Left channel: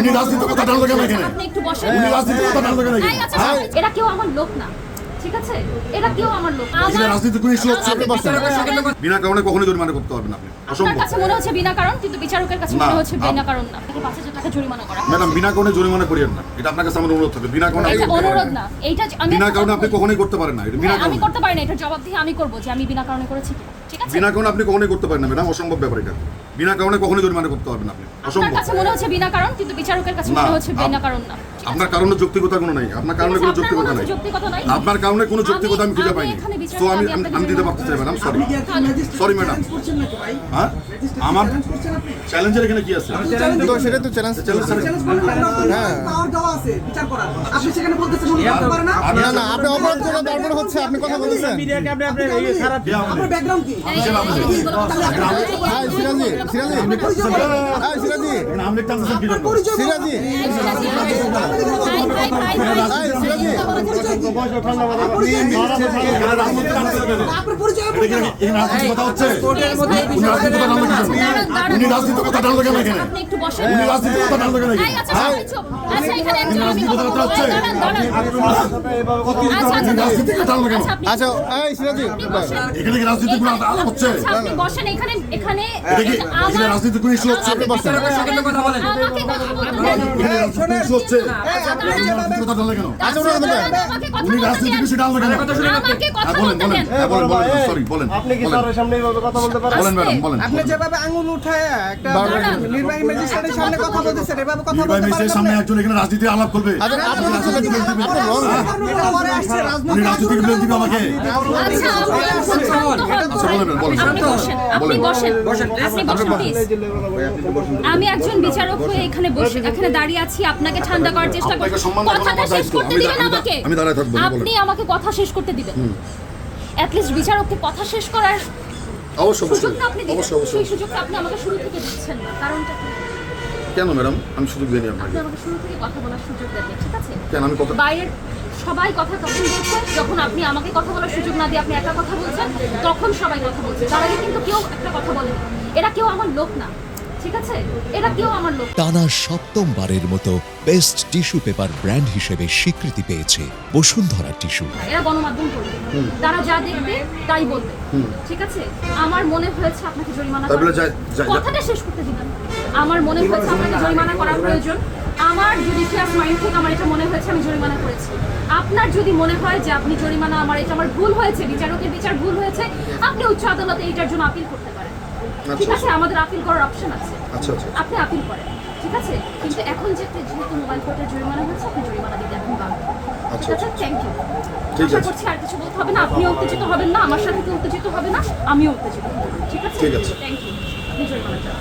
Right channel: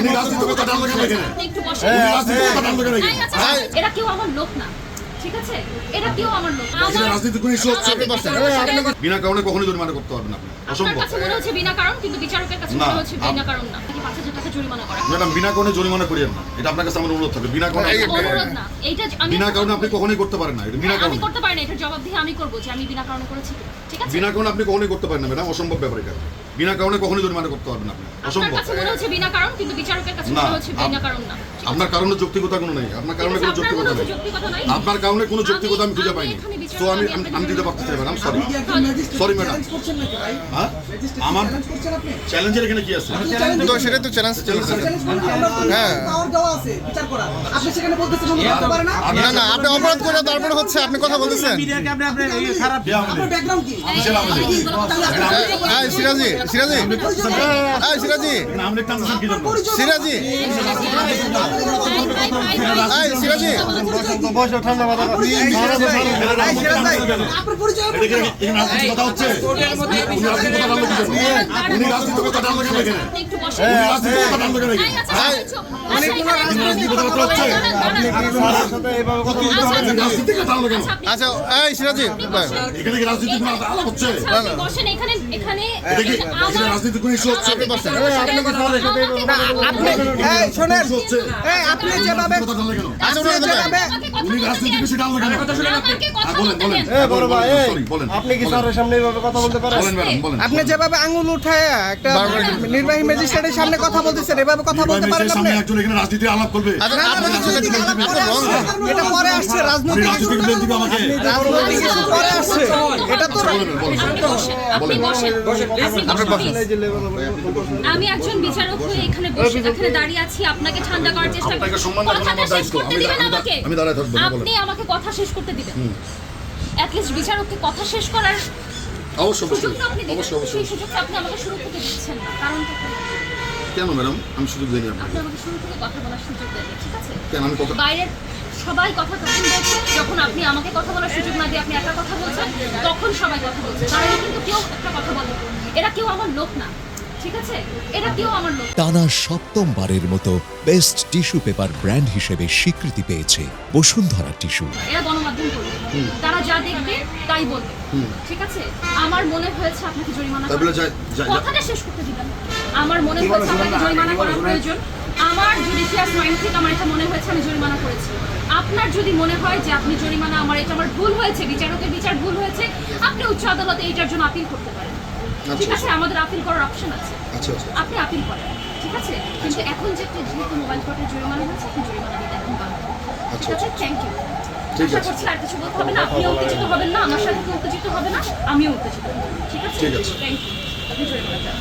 উনি রাজনীতির কথা টানলো কেন এখানে? উনি রাজনীতির কথা টানলো কেন এখানে? এরা কেউ আমার লোক না, ঠিক আছে? এরা কেউ আমার লোক না। এখানে রাজনীতি কোনো ইস্যু হচ্ছে? বিনা কারণে কখনোই জরিমানা করতে পারবেন আপনি, অসম্ভব। কাছে মনে হচ্ছে বিনা কারণ, কিন্তু বিচারকের কাছে মনে হচ্ছে বিনা কারণ না। তাকে ৫,০০০ টাকা জরিমানা করা। ম্যাডাম, বিনা কারণে জরিমানা করিয়েন না, এটা আপনার কাছে আমার অনুরোধ থাকবে। বিনা কারণে অনুরোধ না, এইটা আমি বিনা কারণে আপনি কখনোই করতে পারেন না, এটা বিনা আমি কারণে। করতে পারি না, এটার জবাবদিহি আমি করব যে আমি বিনা কারণে করেছি, ঠিক আছে? বিনা কারণে আপনি কখনোই করতে পারেন না ম্যাডাম, অসম্ভব ব্যাপার এটা। বিনা কারণে কখনোই জরিমানা করতে পারবেন আপনি, অসম্ভব। কাছে মনে হচ্ছে বিনা কারণ, কিন্তু বিচারকের কাছে না, মনে হচ্ছে বিনা কারণ না। আপনার কারণে যৌক্তিকতা কোনো নেই, আপনার কারণে কোনো যৌক্তিকতা নেই, আপনার কারণে কোনো যৌক্তিকতা আমি খুঁজে পাইনি। তো আমি দিতে পারতে চাই ম্যাডাম, সরি সরি ম্যাডাম। হ্যাঁ, আমার চ্যালেঞ্জের এখানে কি আছে? তো সেটা তো চ্যালেঞ্জ। হ্যাঁ, না না, আপনি অপরাধ করে তারপরে হচ্ছে আপনি কথা বলতেছেন। হ্যাঁ সিরাজি, সিরাজি, হ্যাঁ সিরাজি, সিরাজি, হ্যাঁ সিরাজি, কথা হচ্ছে। উনি রাজনীতির কথা টানলো কেন এখানে? উনি রাজনীতির কথা টানলো কেন এখানে? আচ্ছা এই সিরাজি, এখানে কি রাজনীতি কোনো আলাপ হচ্ছে? বসেন এখানে, এখানে এখানে রাজনীতি কোনো ইস্যু হচ্ছে? আপনি বসেন। হচ্ছে আপনি যেভাবে কথা টানলো কেন? আচ্ছা ওটা কথা উনি রাজনীতির বিষয় টানলো কেন? বলেন বলেন, হ্যাঁ বলেন বলেন, সরি বলেন। আপনি কি স্যারের সামনে এইভাবে কথা বলতে পারেন? বলেন ম্যাডাম, বলেন। আপনি যেভাবে আঙ্গুল উঠায় একটা নির্বাহী ম্যাজিস্ট্রেটের সামনে কথা বলতেছেন, এভাবে কথা বলতে পারেন নির্বাহী সামনে একজন এখানে রাজনীতি আলাপ করবে? আচ্ছা আপনি তো ছেলে দিবেন, আপনি রং। এটা পরে আসছে উনি রাজনৈতিক রাজনীতির বিরুদ্ধে দিবে আমাকে? পরে আসছে এটা তো বলেন বলেন আমি একজন বিচারক হয়ে এখানে বসে এখানে দাঁড়িয়ে আছি, আপনাকে ঠান্ডা করার চেষ্টা করছি। আপনাকে সম্মান দেওয়া আমার দায়িত্ব। আমি দাঁড়ায় থাকবো না, বলেন। আপনি আমাকে কথা শেষ করতে দিবেন, অ্যাট লিস্ট বিচারককে কথা শেষ করার অবশ্যই সুযোগটা আপনি দিবেন। অবশ্যই সেই সুযোগটা আপনি আমাকে শুরু থেকে দিচ্ছেন না, কারণটা কি? কেন ম্যাডাম আমি সুযোগ দিই আপনাকে? আপনি আমাকে শুরু থেকে কথা বলার সুযোগ দেন, ঠিক আছে? কেন আমি কথা বাইরের সবাই কথা কখন বলছে? যখন আপনি আমাকে কথা বলার সুযোগ না দিয়ে আপনি একা কথা বলছেন, তখন সবাই কথা বলছে। তার আগে কিন্তু কেউ একটা কথা বলে না। এরা কেউ আমার লোক না, ঠিক আছে? এরা কেউ আমার লোক না। টানা সপ্তমবারের মতো বেস্ট টিস্যু পেপার ব্র্যান্ড হিসেবে স্বীকৃতি পেয়েছে বসুন্ধরা টিস্যু। এরা গণমাধ্যম করবে, তারা যা দেখবে তাই বলবে, ঠিক আছে? আমার মনে হয়েছে আপনাকে জরিমানা তাই বলে কথাটা শেষ করতে দিবেন। আমার মনে হয়েছে আপনাকে জরিমানা করার প্রয়োজন। আমার জুডিশিয়াস মাইন্ড থেকে আমার এটা মনে হয়েছে আমি জরিমানা করেছি। আপনার যদি মনে হয় যে আপনি জরিমানা এটা আমার ভুল হয়েছে, বিচারকের বিচার ভুল হয়েছে, আপনি উচ্চ আদালতে এটার জন্য আপিল করতে পারেন, ঠিক আছে? আমাদের আপিল করার অপশন আছে, আচ্ছা আচ্ছা আপনি আপিল করেন, ঠিক আছে? কিন্তু এখন যেহেতু মোবাইল কোর্টে জরিমানা হয়েছে, আপনি জরিমানা দিতে এখন বাধ্য। আচ্ছা ঠিক আছে, থ্যাংক ইউ। ঠিক আশা আছে। করছি আর কিছু বলতে হবে না, আপনিও উত্তেজিত হবেন না, আমার সাথে কেউ উত্তেজিত হবে না, আমিও উত্তেজিত হব না, ঠিক আছে? ঠিক আছে। Thank you. আপনি জরিমানা দেন।